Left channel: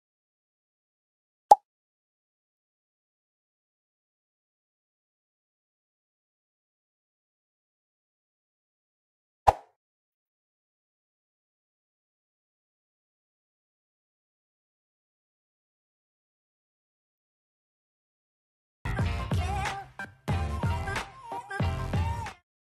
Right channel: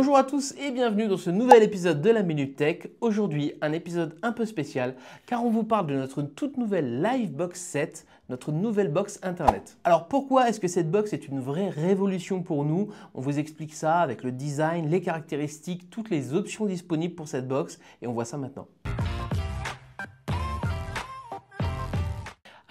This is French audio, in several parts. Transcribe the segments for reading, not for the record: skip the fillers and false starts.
Bonjour à tous et bienvenue dans ce nouvel épisode de la Minute Tech. Aujourd'hui, un épisode un peu spécial car on vous parle de notre toute nouvelle Livebox 7, notre nouvelle box internet. Alors pourquoi est-ce que cette box est une vraie révolution pour nous? On vous explique ça avec le design, les caractéristiques, toutes les options disponibles pour cette box et on voit ça maintenant.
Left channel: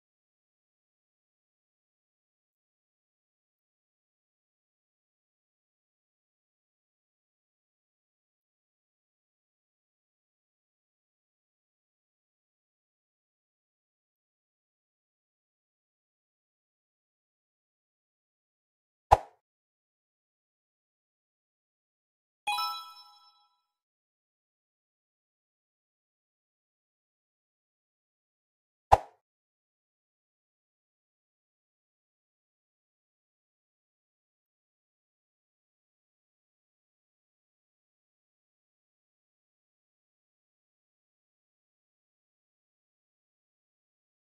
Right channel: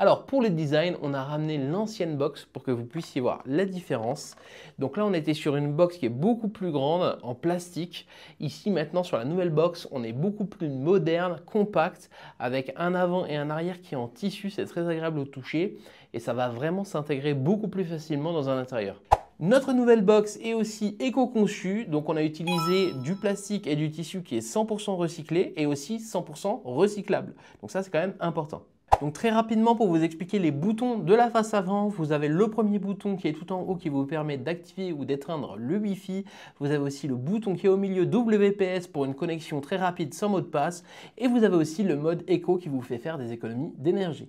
Alors pour le design, on a ramené l'ancienne box pour que vous puissiez voir la différence. Donc là, on était sur une box qui est beaucoup plus grande en plastique. Ici maintenant sur la nouvelle box, on est beaucoup plus moderne, compact, avec un avant et un arrière qui est en tissu. C'est très agréable au toucher et ça va vraiment s'intégrer beaucoup plus facilement dans un intérieur. Notre nouvelle box est aussi éco-conçue, donc on a utilisé du plastique et du tissu qui est 100% recyclé et aussi 100% recyclable. Donc ça, c'est quand même important. Donc très rapidement pour vous expliquer les boutons de la face avant, vous avez le premier bouton qui est tout en haut qui vous permet d'activer ou d'éteindre le Wi-Fi. Vous avez aussi le bouton qui est au milieu WPS pour une connexion très rapide sans mot de passe. Et vous avez aussi le mode éco qui vous fait faire des économies d'énergie.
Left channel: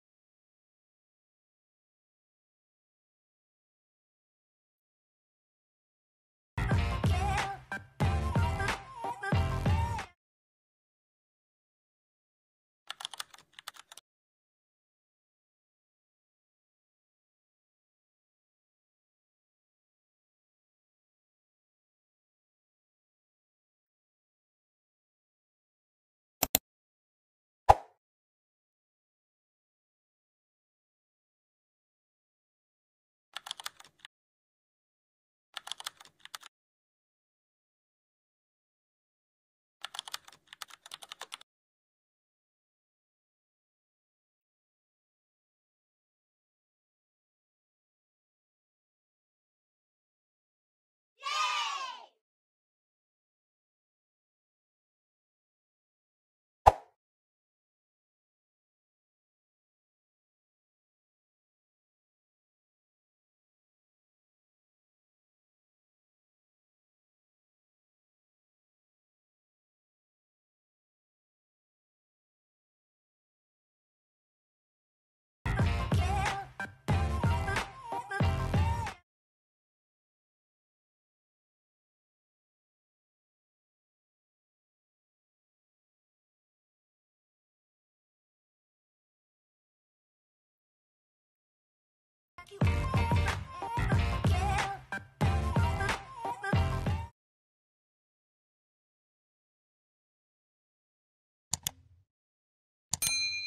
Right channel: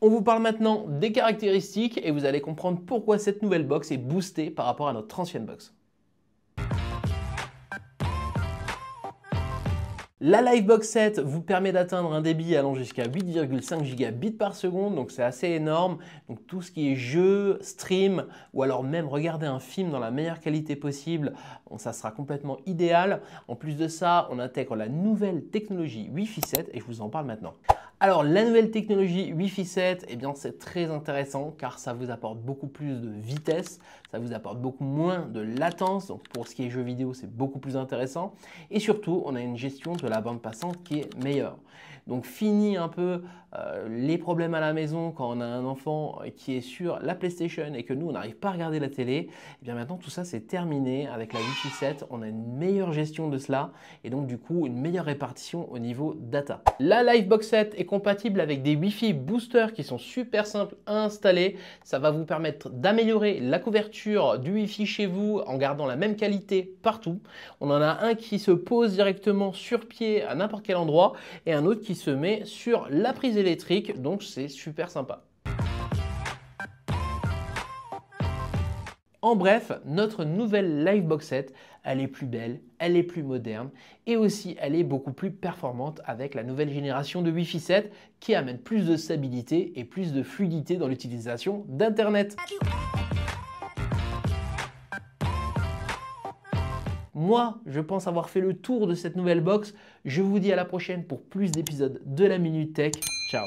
On vous parle maintenant des caractéristiques et vous allez comprendre pourquoi cette nouvelle box est boostée par rapport à notre ancienne box. La Livebox 7 vous permet d'atteindre un débit allant jusqu'à 8,5 gigabits par seconde, donc c'est assez énorme. Donc tout ce qui est jeu, stream ou alors même regarder un film dans la meilleure qualité possible, ça sera complètement idéal. En plus de ça, on intègre la nouvelle technologie Wi-Fi 7 et je vous en parle maintenant. Alors la nouvelle technologie Wi-Fi 7, eh bien c'est très intéressant car ça vous apporte beaucoup plus de vitesse, ça vous apporte beaucoup moins de latence, donc pour ce qui est jeux vidéo c'est beaucoup plus intéressant et surtout on a une gestion de la bande passante qui est meilleure. Donc fini un peu les problèmes à la maison quand on a un enfant qui est sur la PlayStation et que nous on n'arrive pas à regarder la télé, et bien maintenant tout ça c'est terminé avec la Wi-Fi 7, on a une meilleure gestion de cela et donc du coup une meilleure répartition au niveau data. La Livebox 7 est compatible avec des Wi-Fi boosters qui sont super simples à installer, ça va vous permettre d'améliorer la couverture du Wi-Fi chez vous en gardant la même qualité partout. On en a un qui se pose directement sur pied à n'importe quel endroit et un autre qui se met sur la prise électrique, donc c'est super sympa. En bref, notre nouvelle Livebox 7, elle est plus belle, elle est plus moderne et aussi elle est beaucoup plus performante avec la nouvelle génération de Wi-Fi 7 qui amène plus de stabilité et plus de fluidité dans l'utilisation d'Internet. Moi, je pense avoir fait le tour de cette nouvelle box. Je vous dis à la prochaine pour plus d'épisodes de la Minute Tech. Ciao!